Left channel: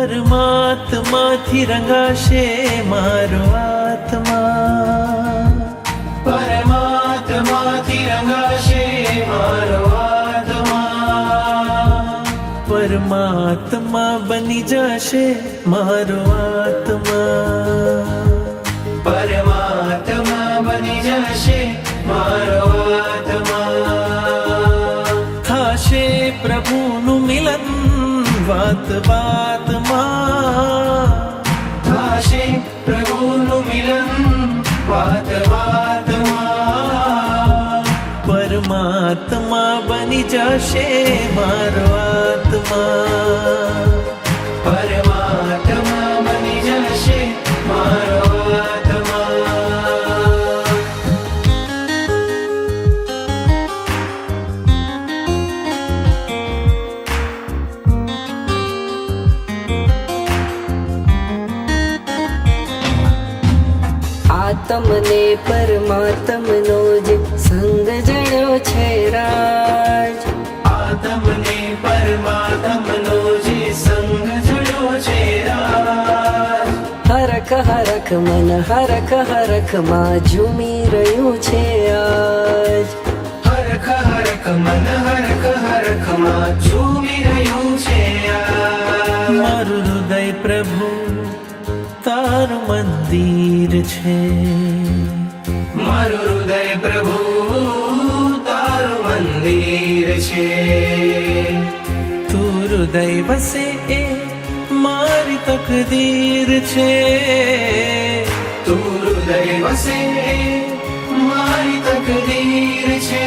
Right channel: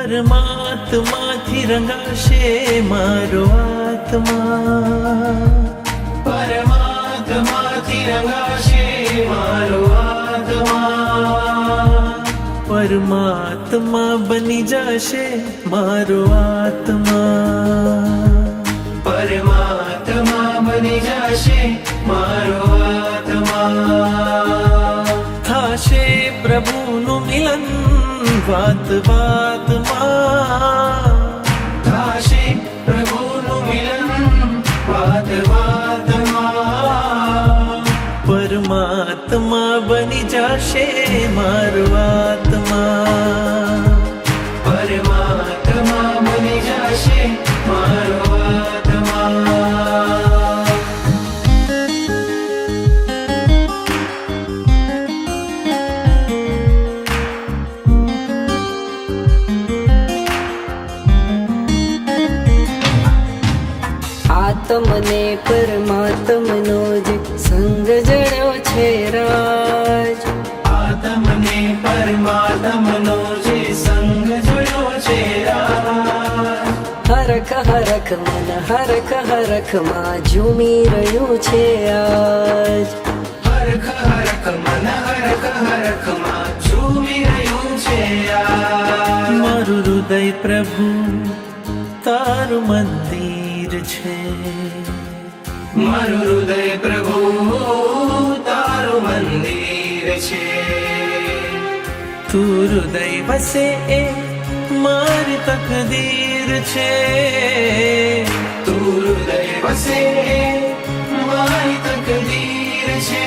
પરમાત્માથી રંગાશે મારો આત્મા, પરમાત્માથી રંગાશે મારો આત્મા, પરમાત્મા બની જશે મારો આત્મા, પરમાત્મા બની જશે મારો આત્મા. થાશે પ્રભુનું મિલન વાત વાતમાં, થાશે પ્રભુનું મિલન વાત વાતમાં, પરમાત્મા બની જશે મારો આત્મા, પરમાત્મા બની જશે મારો આત્મા. આત્મને પરમાત્મનો જે સંગ જડ્યો છે રાજ, આત્મને પરમાત્મનો જે સંગ જોડ્યો છે રાજ, હરખ હરખ મન હરખ હરખમાં ઝૂમી રહ્યું છે આજ, હરખ હરખ મન હરખ હરખમાં ઝૂમી રહ્યું છે આજ. મારું હૃદય પ્રભુ તારું મંદિર છે, મારું હૃદય પ્રભુ તારું મંદિર છે, તું હૃદય વસે એ મારી તકદીર છે, તું હૃદય વસે મારી તકદીર છે.